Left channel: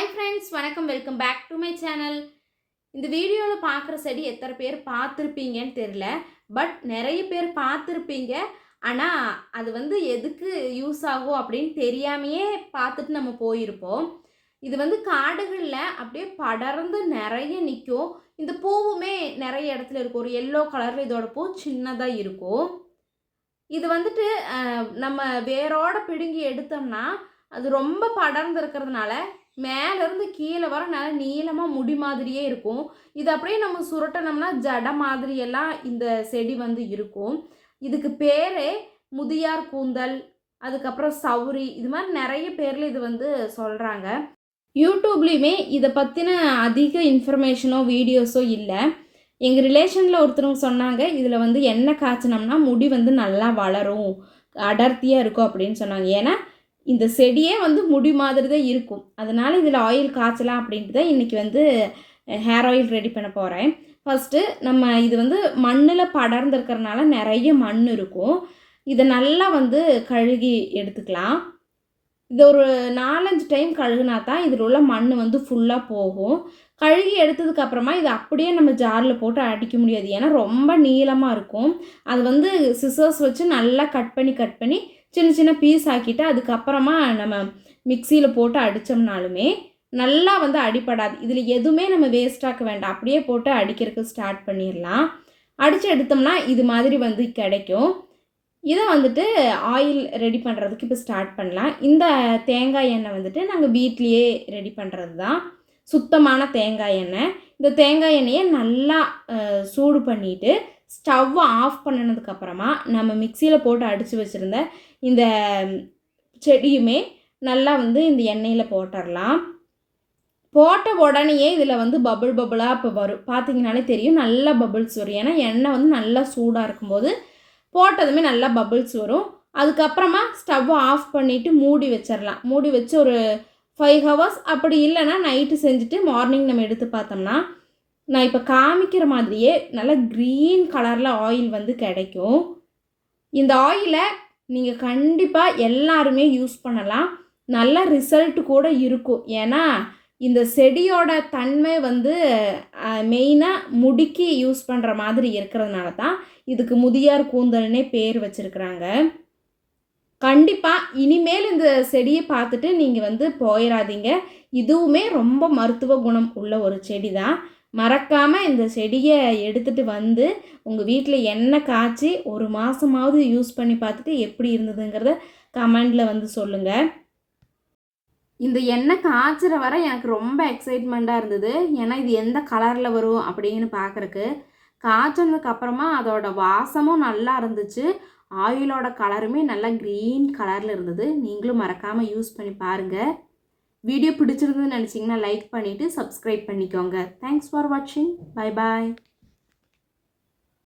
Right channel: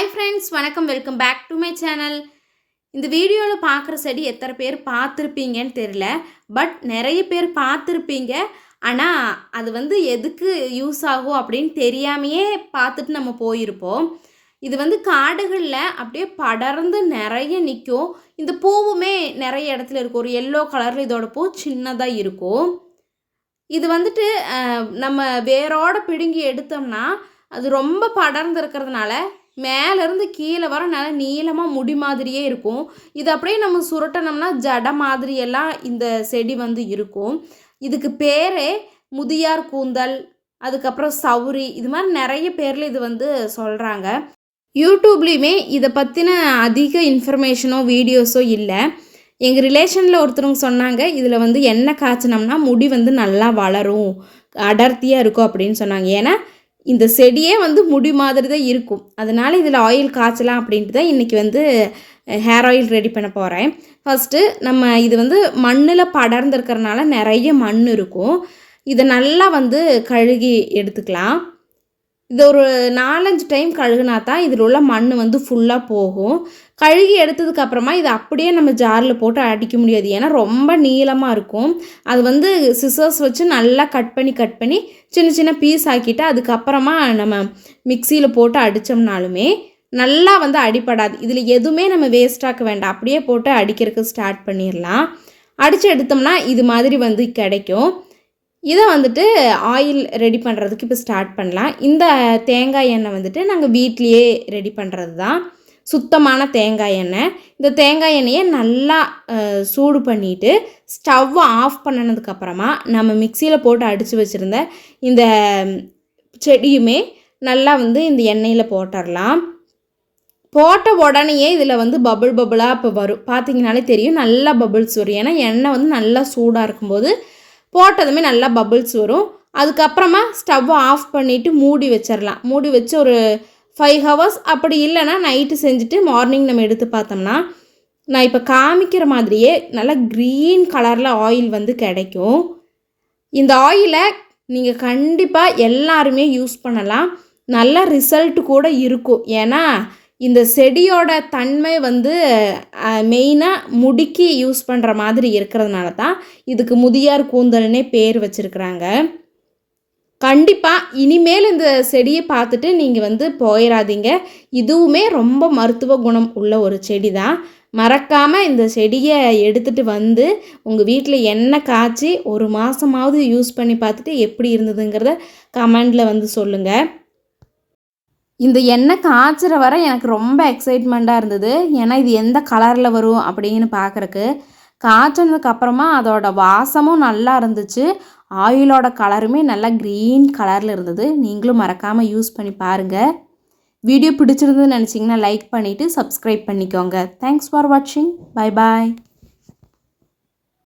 Hi friends, வணக்கம். Welcome back to my channel. இந்த வீடியோவில் பார்க்குற செடி எத்தனை பேர் பார்த்துருப்பீங்கன்னு தெரியல. பட் நிறைய பேர் பார்த்துருப்பீங்க. ஆனால் அது எதுக்கு யூஸ் ஆகும் அப்படின்னு தெரியாமையே பார்த்துட்டு நம்ம போயிருப்போம். இது காடுகளில் அப்படியே படர்ந்து நிறைய நிற்கும். இந்த பூவுமே நிறைய இடத்துல இருக்கும். ஒரு எல்லோ கலரில் இதோட பூ சின்னதாக இருக்கும். இது நம்ம வேரோட பிடுங்கி எடுத்தோம்னா அது ரொம்ப படர்ந்து இருக்கிறதுனால மேலேருந்து கீழே வர நல்லா நீளமாக முடி மாதிரியே இருக்கும். இது அப்படியே நம்ம சுருட்டினோம்னா ஜடை மாதிரியெல்லாம் இந்த செடி இருக்கும். இதுக்கு பேரே முதியார் கூந்தல், அதுக்கப்புறம் சௌரி, இது மாதிரி நிறைய பேரில் இது சொல்கிறாங்க. யூடியூப்லேயுமே இதை பற்றின அதிக இன்ஃபர்மேஷனோ வீடியோஸோ இல்லை. எங்கள் ரிலேஷனில் ஒருத்தவங்க சொன்னாங்க, இதில் எண்ணெய் காய்ச்சினோம்னா முடி நல்லா வளரும், அடர்த்தியாக இருக்கும் அப்படின்னு சொன்னாங்க. ஏன்னா இந்த செடியே முடி மாதிரி தான் இருக்கும். அதனால் இதில் ஆயில் காய்ச்சலாம் அப்படின்ட்டு தான் இன்றைக்கி ஹேர் ஆயில் ரெடி பண்ண போகிறேன். ஃபஸ்ட்டு நம்ம இது மண்ணில் படர்ந்துருக்கிறனால நிறைய மண் இருக்கும். இதை நல்லா கழுகி எடுத்துக்கலாம். இது ஒரு 4-5 டைம் கழுகுனா தான் இதில் உள்ள மண் ஃபுல்லாக போகும். கழுகி எடுத்ததுக்கப்புறமா இதை அப்படியே நம்ம ஜாரில் போட்டு அடிக்க முடியாது. ஏன்னா ரொம்ப நீளமாக இருக்கும். அது சிசர்ஸ் வச்சு நல்லா கட் பண்ணி சின்ன சின்ன பீஸ் ஆக்கிட்டு அதுக்கப்புறமா நம்ம மிக்சியில் போட்டு அடித்தோம்னாலுமே நல்லா அடிப்படாது. இதில் எதுவுமே நம்ம வேஸ்ட்டாக்க வேண்டாம். அப்படியே போட்டு அடிக்கிறதுக்கு ஸ்டார்ட் பண்ணிடலாம். அடித்து எடுத்தோம்னா இது மாதிரி கிடைக்கும். இதை ஆயில் ரெடி பண்ணுறதுக்கு இப்போ ஸ்டார்ட் பண்ணலாம். இந்த தேங்காய் எண்ணெய் நாங்கள் வீட்லேயே ரெடி பண்ணுறது தான். சுத்தமான தேங்காய் எண்ணெய். இந்த தேங்காய் எண்ணெயை நல்லா சூடு பண்ணிவிட்டு ஸ்டவ்வை ஆஃப் பண்ணினதுக்கப்புறமா நம்ம மிக்சியில் போட்டு அடித்து வச்சுருந்த இந்த செடியுமே நல்லா இந்த எண்ணெயில் போட்டுடலாம். போட்ட உடனேயே இதில் பபுள் பபுளாக இப்போ வரும். பார்த்திங்கனாலே தெரியும், நல்லா பபுள்ஸ் வரும். ஏன்னா எண்ணெய் நல்லா சூடாக இருக்கும்போது போட்டதுமே நல்லா பபுள்ஸ் வரும். அதுக்கப்புறமா ஸ்டவ்வை ஆஃப் பண்ணிவிட்டு மூடி வச்சிடலாம். மூடி வச்சு ஒரு 5 ஹவர்ஸ், அப்படி இல்லைன்னா நைட்டு செஞ்சுட்டு மார்னிங் நம்ம எடுத்து பார்த்தோம்னா நான் இப்போ காமிக்கிற மாதிரியே நல்லா க்ரீன் கலரில் ஆயில் கிடைக்கும். இந்த ஆயிலை நீங்கள் கண்டிப்பாக எல்லாருமே யூஸ் பண்ணலாம். நல்ல ரிசல்ட் கூட இருக்கும். ஏன்னா இந்த செடியோட தன்மை மெயினாக முடிக்கு யூஸ் பண்ணுற மாதிரி இருக்கிறதுனால தான் இதுக்கு முதியார் கூந்தல்னே பேர் வச்சுருக்குறாங்க. கண்டிப்பாக இனிமேல் இந்த செடியை பார்த்துட்டு நீங்கள் போயிடாதீங்க. இதுவுமே ரொம்ப மருத்துவ குணம் உள்ள ஒரு செடி தான். மறக்காமல் இந்த செடியை எடுத்துகிட்டு உங்கள் வீட்டில் எண்ணெய் காய்ச்சி ஒரு மாதமாவது யூஸ் பண்ணி பார்த்துட்டு எப்படி இருந்ததுங்கிறத கமெண்டில் சொல்லுங்கள். இந்த எண்ணெய் காய்ச்சிற வரை எனக்கு ரொம்ப எக்ஸைட்மெண்ட்டாக இருந்தது. ஏன்னா இது எந்த கலரில் வரும் அப்படின்னு பார்க்குறக்கு. காய்ச்சினதுக்கப்புறமா அதோட வாசமும் நல்லா இருந்துச்சு. ஆயிலோட கலருமே நல்லா க்ரீன் கலரில் இருந்தது. நீங்களும் மறக்காமல் யூஸ் பண்ணி பாருங்கள். வீடியோ பிடிச்சிருந்ததுன்னு நினச்சிங்கன்னா லைக் பண்ணிவிட்டு சப்ஸ்கிரைப் பண்ணிக்கோங்க. தேங்க்ஸ் ஃபார் வாட்சிங். Bye bye.